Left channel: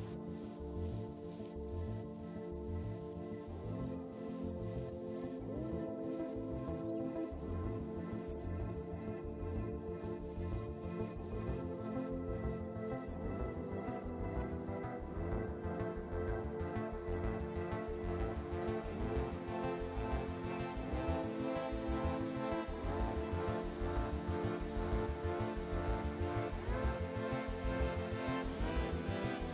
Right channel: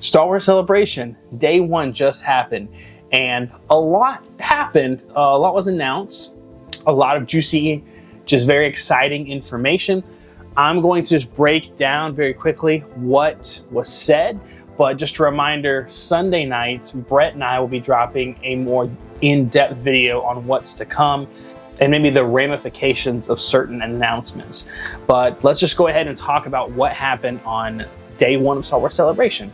Star Wars Celebration, day one just happened, and a lot happened. A lot was announced, a lot of juicy, just very exciting information. I'm going to just break down very quickly what was said, but just a reminder, Sunday night, Brett and I will be dropping a more in-depth video on what's to come and maybe the ramifications of certain announcements. But let's just go ahead and talk about what happened on day one of Star Wars Celebration.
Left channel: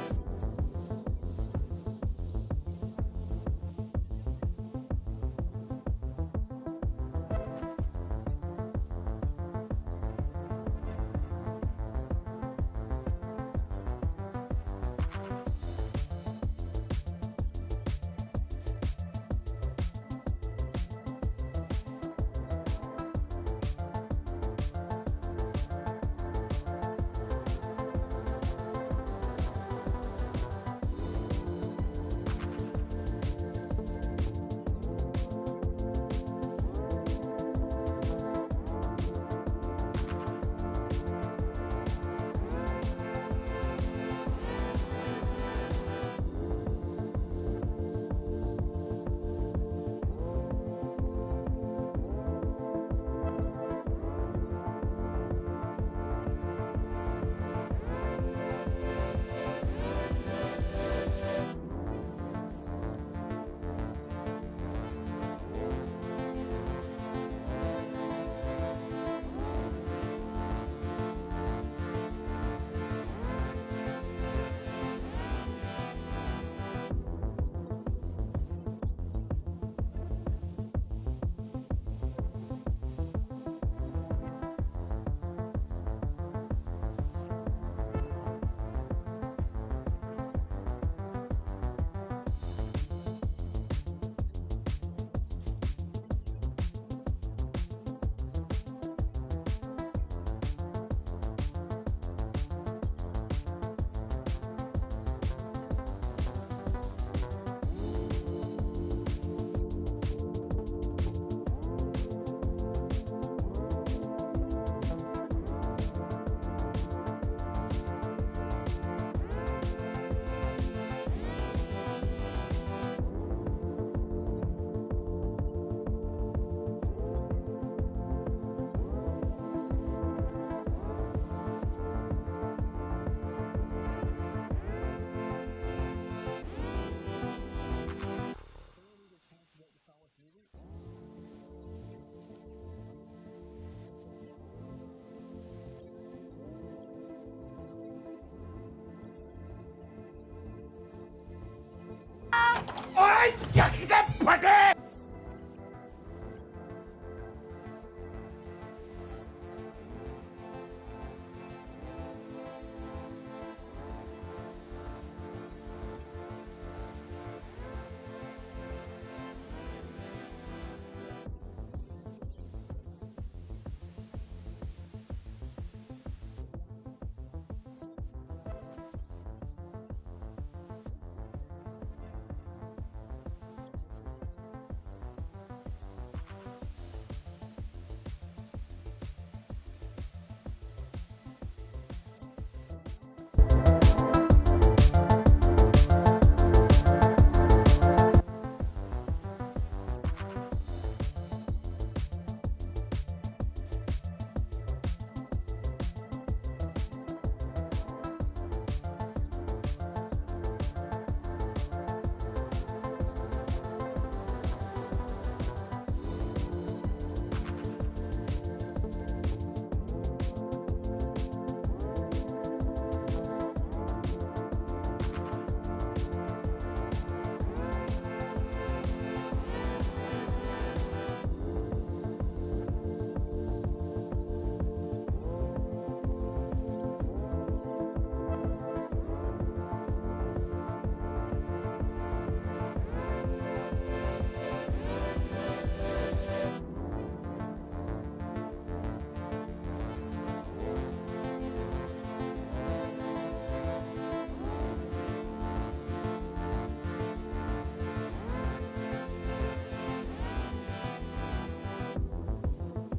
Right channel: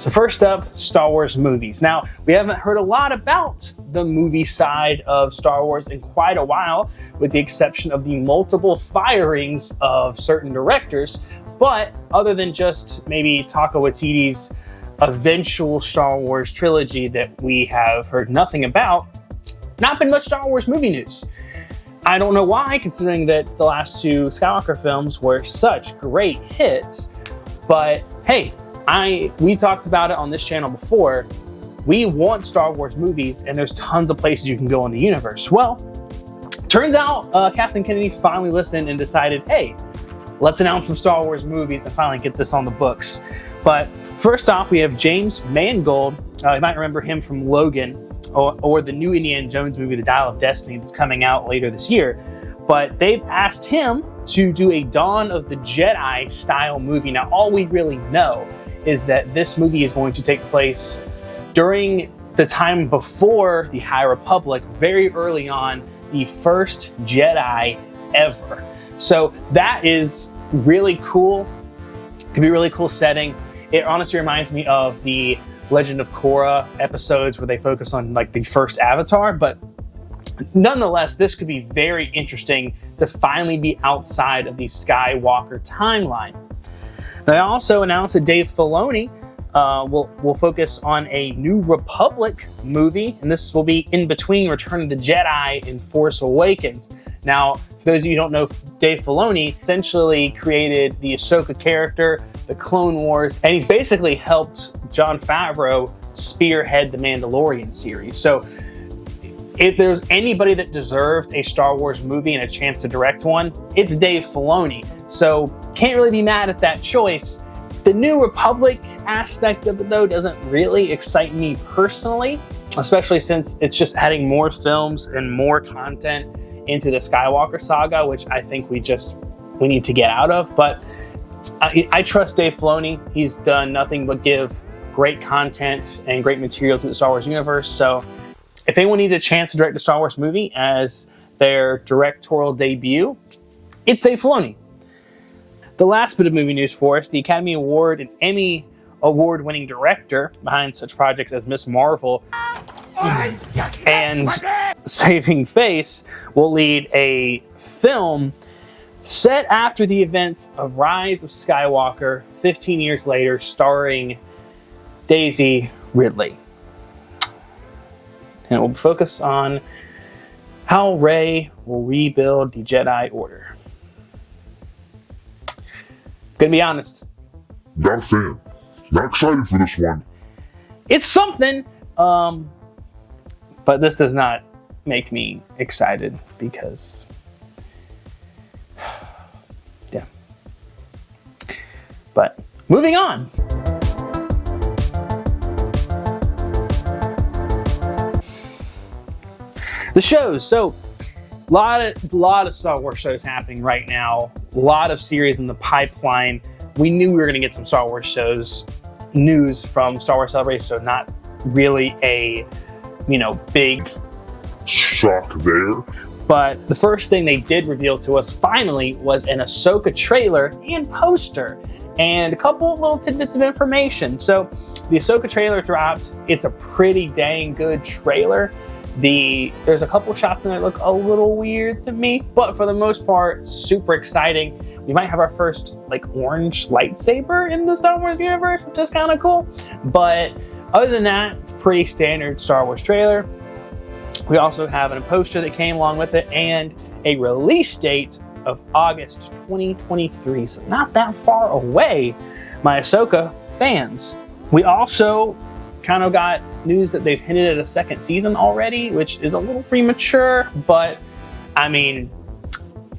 So first up, Star Wars movies. Now, we haven't heard a lot about the movie side of Star Wars in quite a while, with the exception of the multiple firings of certain directors. But other than just maybe Taika Waititi's eventual Star Wars trilogy that we have heard nothing about, not been much Star Wars movie news. I don't know why, considering that the last two Skywalker films were such great hits, but hey, we talked about it on this channel before. We want Star Wars movies, and there's tons of places you can go in the universe. Well, turns out Kathleen Kennedy finally listened and decided, hey, let's announce some Star Wars movies and finally get this on the books. But first off, we have James Mangold. You might remember him from Logan, or the new Indiana Jones movie, The Dial of Destiny, that's coming out later this year. But they've asked him to do a Dawn of the Jedi style movie. Now, all we really know is that this movie is going to take place during the time before the High Republic, very early on, the first Jedi ever. So that is really cool. Could be a really cool setting. It honestly reminds me of the Legend of Korra episodes where they focus on like the first Avatar, but nonetheless, this could be very interesting to finally be outside of the Skywalker timeline. They also announced that Dave Filoni will focus on a New Republic movie, and this will be in between Return of the Jedi and Force Awakens. Now, for those of you who don't know, Dave Filoni essentially created the Asoka character, the Clone Wars, and he's basically helped Jon Favreau spearhead the Mandalorian series. So if there's anybody that deserved a Star Wars movie and a chance to direct one, it's Dave Filoni. So can't really be mad at that choice. The New Republic aspect of it, though, doesn't really excite me personally, especially since it's just adding more films and more content into the Skywalker saga, which I think we need to get out of. But I trust Dave Filoni. He's done nothing but give great content and great material to the Star Wars universe. So if anyone needed a chance to direct a Star Wars movie as their directorial debut, it's Dave Filoni. The last bit of movie news for us, the Academy Award and Emmy Award-winning director behind such projects as Ms. Marvel and Saving Face will lead a film set after the events of Rise of Skywalker 15 years later, starring Daisey Ridley. And it will focus on how Rey will rebuild the Jedi Order. Gonna be honest. Not a fan. Not excited for this one. It's something, but this does not make me excited because, yeah. But moving on. The shows. So a lot of Star Wars shows happening right now. A lot of series in the pipeline. We knew we were going to get some Star Wars shows news from Star Wars Celebration, so not really a, big shock there. But the first thing they did reveal to us finally was an Asoka trailer and poster and a couple little tidbits of information. So the Asoka trailer dropped. It's a pretty dang good trailer. There's a couple shots in there that look a little weird to me, but for the most part, super exciting. We might have our first orange lightsaber in the Star Wars universe, which is kind of cool. But other than that, it's a pretty standard Star Wars trailer. We also have a poster that came along with it and a release date of August 2023, so not that far away, my Asoka fans. We also kind of got news that they've hinted at a second season already, which is a little premature, but I mean,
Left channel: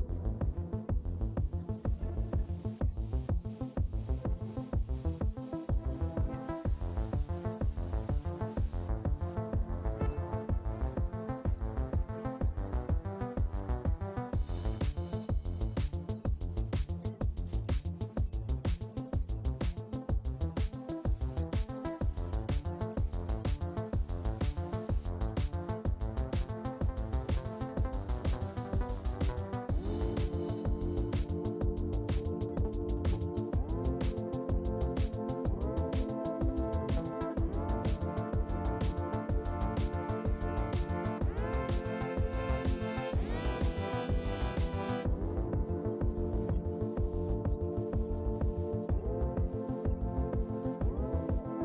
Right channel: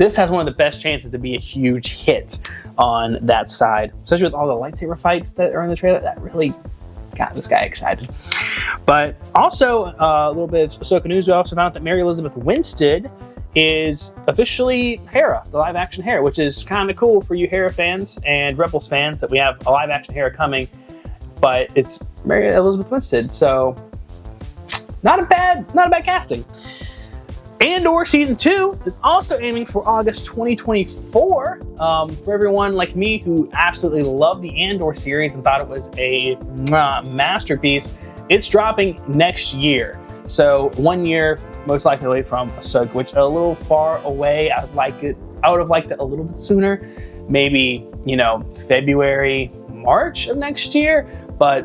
this has one of the best chances to be a huge hit on that side, especially with all the lightsaber fights that are in the trailer. That really got this guy excited. But also, a little bit of Asoka news. We also found out that Mary Elizabeth Winstead is officially Hera, the live-action Hera, which is kind of cool for you Hera fans and Rebels fans that we have a live-action Hera coming. But it's Mary Elizabeth Winstead, so not a bad casting. Andor Season 2 is also aiming for August 2024. For everyone like me who absolutely loved the Andor series and thought it was a masterpiece, it's dropping next year. So 1 year, most likely away from Asoka, which a little far away. I would have liked it a little bit sooner. Maybe, February, March of next year, but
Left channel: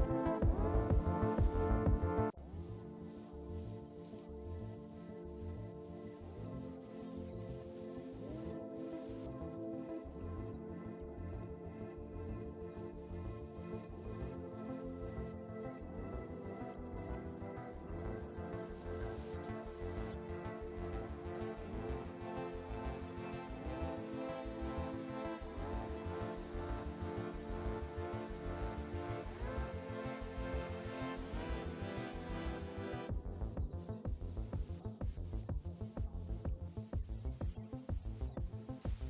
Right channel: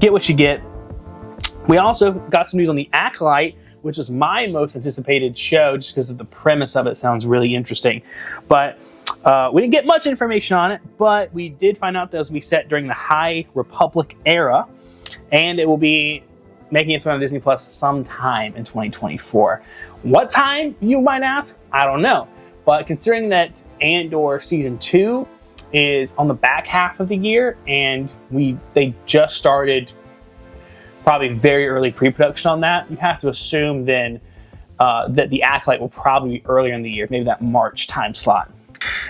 get what you get. We also got some news on the Acolyte, which was my most anticipated show just because of the premise of it. Sounds really interesting. But we didn't get much information on it, but we did find out that it was set during the High Republic era, and it will be making its way on Disney Plus sometime in 2024. What time, you might ask? I don't know. But considering that Andor Season 2 is on the back half of the year, and they just started probably very early pre-production on that, you have to assume then that the Acolyte will probably be earlier in the year, maybe that March time slot.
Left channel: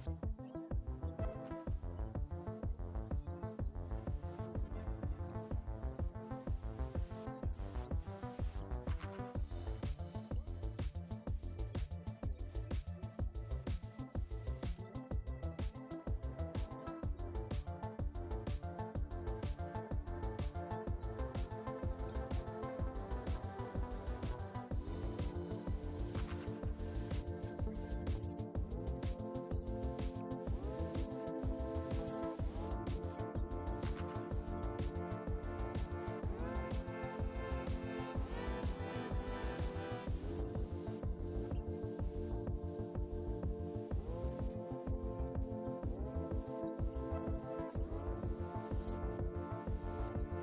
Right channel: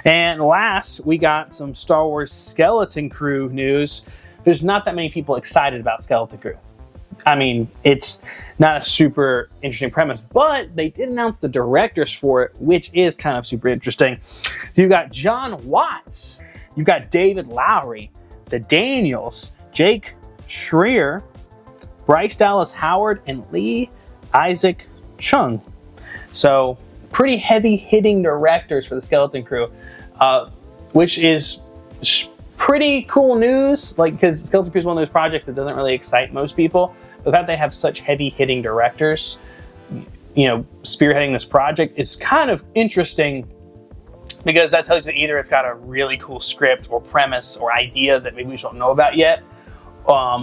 And last, we got some Star Wars Skeleton Crew news. There's not that many people excited about Skeleton Crew. I mean, it's not a super interesting premise, but they did announce the directors for it, which is kind of super interesting. You've got John Watts, you've got David Lowery, the Daniels, Jake Schreier, Bryce Dallas Howard, and Lee Isaac Chung. So pretty heavy-hitting directors for the Skeleton Crew, which is pretty cool news. Because Skeleton Crew is one of those projects that doesn't really excite most people. The fact they have such heavy-hitting directors, spearheading this project is kind of interesting, because that tells you that either it's got a really cool script or premise or idea that maybe we don't know about yet,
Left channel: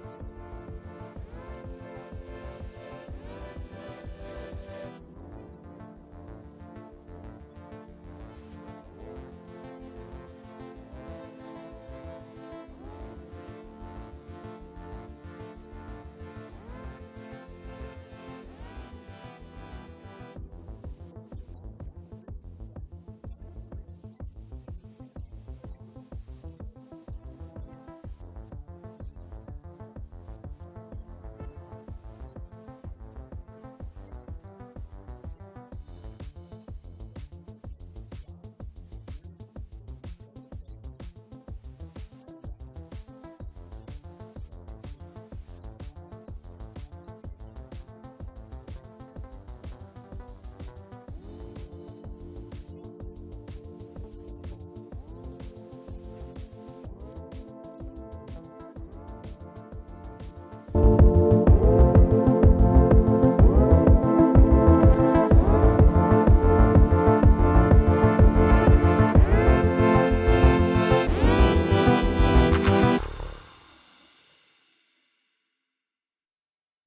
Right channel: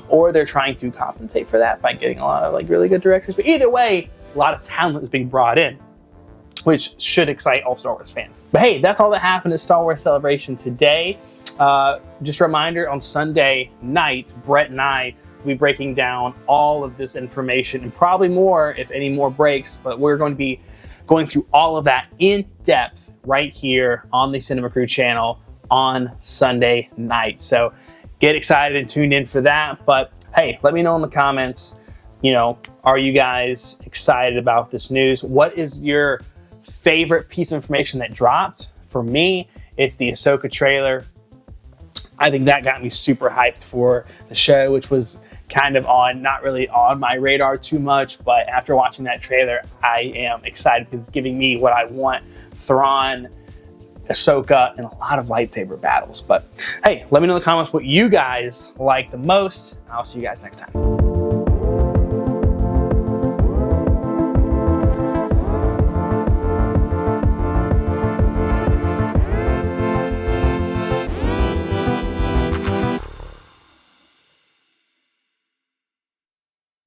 or they're trying to compensate for that by getting a lot of really good directors. But either way, a lot of talent is being brought in, which should excite all Star Wars fans. But hey, that's all that happened at Star Wars Celebration today. Just a reminder, on Sunday night, Brett and I will be breaking down all of this information and probably more if any more breaks, but we're going to be going through all of that in depth right here on the Cinema Crew channel on Sunday night. So get excited and tuned in for that. But hey, let me know in the comments, are you guys excited about this news? What is your favorite piece of information that dropped? For me, it's the Asoka trailer. I think that got me super hyped for the show, which was kind of not really on my radar too much, but after watching that trailer, I am excited because it's giving me what I want: Thrawn, Asoka, and a lot of lightsaber battles. But hey, let me know in the comments what you guys like the most. I'll see you guys next time.